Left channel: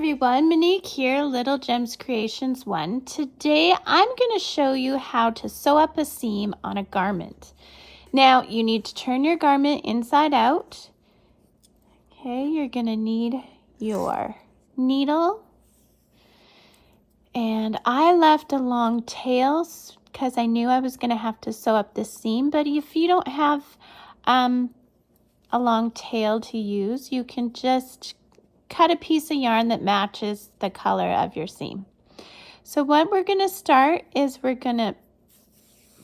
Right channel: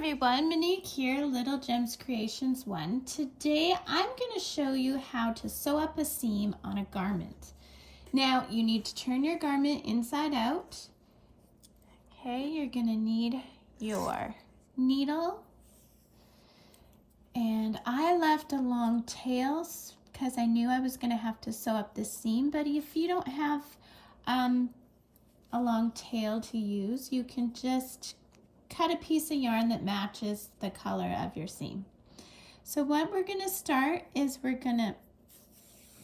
everyone, Monique here, Little Gems Creations 1. Today I'm going to show you how to sew up a seam on a garment. Now you need to turn your garment inside out. Okay, you're going to need your needle. And I left a long tail because I knew I was going to have to sew up the seam, but if you don't have a long tail to use, you can just cut a piece of yarn that matches the color of your seam. So what we're going to start is we're going to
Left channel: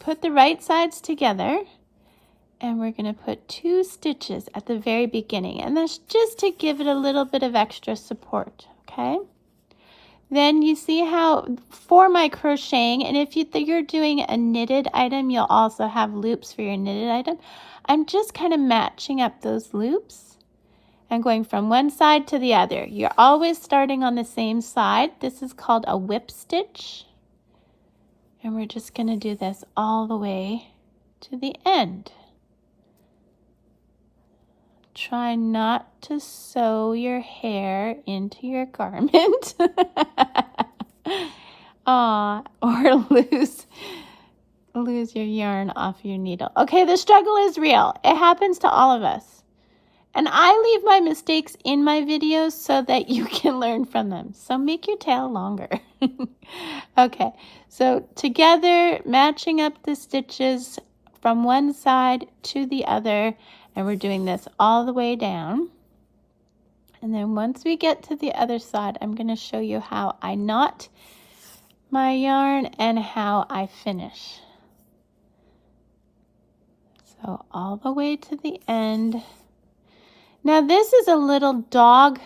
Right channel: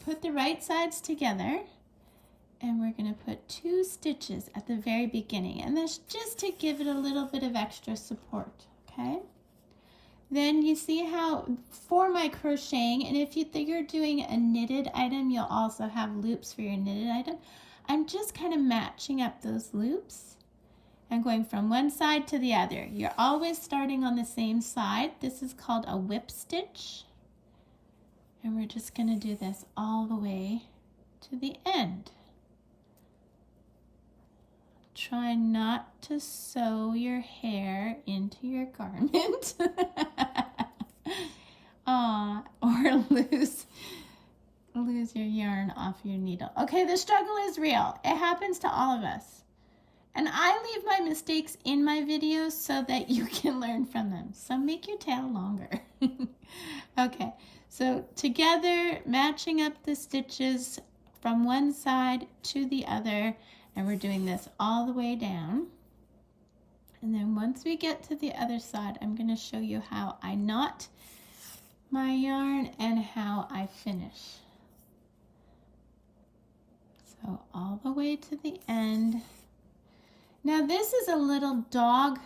put the right sides together and we're going to put 2 stitches at the very beginning, and that's just to give it a little bit of extra support, okay? Then you see how for my crocheting, and if you're doing a knitted item, you'll also have loops for your knitted item. I'm just kind of matching up those loops and going from one side to the other. You're always starting on the same side. This is called a whip stitch. And we're just going to do this all the way to the end. Try not to sew your hair into your garment. Or lose your yarn off your needle. Okay, the struggle is real. It happens to all of us. And I leave my mistakes in my videos so that you can learn from them. So make your tail longer. Okay, so together, matching up the stitches from one side to the other, and we're doing this all the way down. And then once we get to the other side, I'm going to show you how I knot my yarn and how I finish. So all the way to the end. Now this is a little dog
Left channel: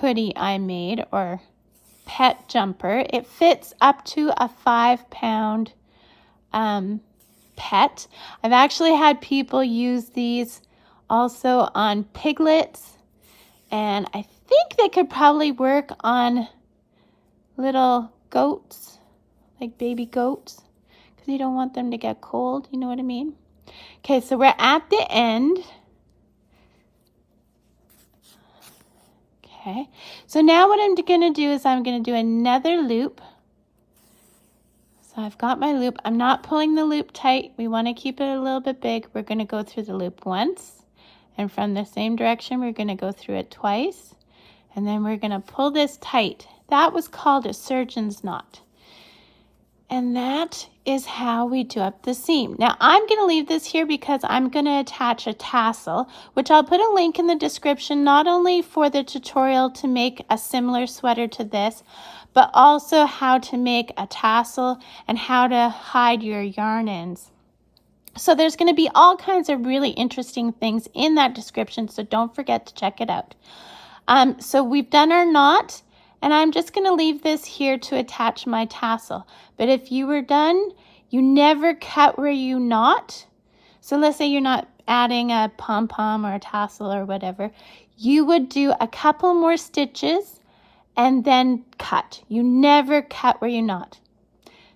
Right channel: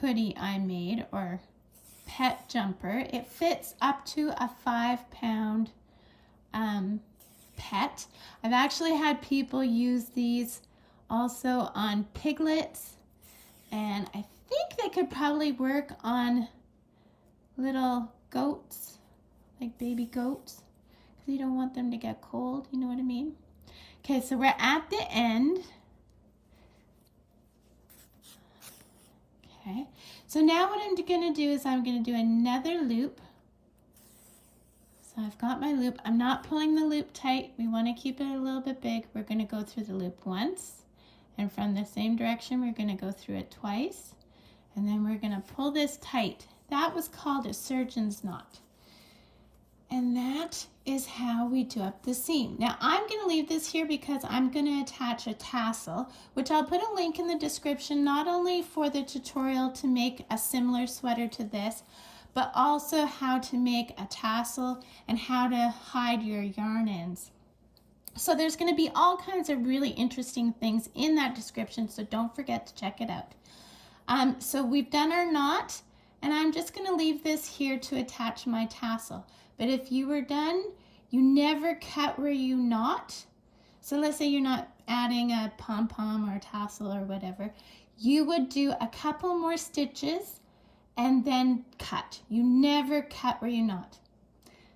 hoodie I made, or pet jumper. It fits up to a 5-pound pet. I've actually had people use these also on piglets, and I think they could probably work on little goats, like baby goats, because you don't want them to get cold, you know what I mean? Okay, so we're at the end. Okay, so now what I'm going to do is I'm going to do another loop. So I've got my loop. I'm not pulling the loop tight. We want to keep it a little bit big. We're going to go through the loop once, and from the same direction we're going to go through it twice, and then we're going to pull this tight. That was called a surgeon's knot. And that is how we do up the seam. Now I'm going to leave this here because I'm going to attach a tassel, which I'll put a link in the description, not only for the tutorial to make a similar sweater to this, but also how to make a tassel and how to hide your yarn ends. So there's going to be all kinds of really interesting things in that description, so don't forget to check it out. So we've done our knot, and I'm just going to leave this here to attach my tassel. But if you were done, you never cut where you knot. So let's say you're not adding a pom-pom or a tassel or whatever. You would do a couple more stitches and then cut. You never cut where you knot.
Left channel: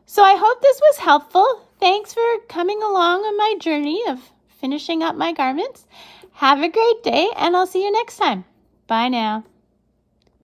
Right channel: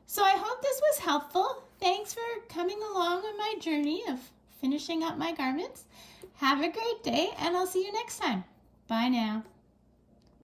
So I hope this was helpful. Thanks for coming along on my journey of finishing up my garments. Have a great day, and I'll see you next time. Bye now.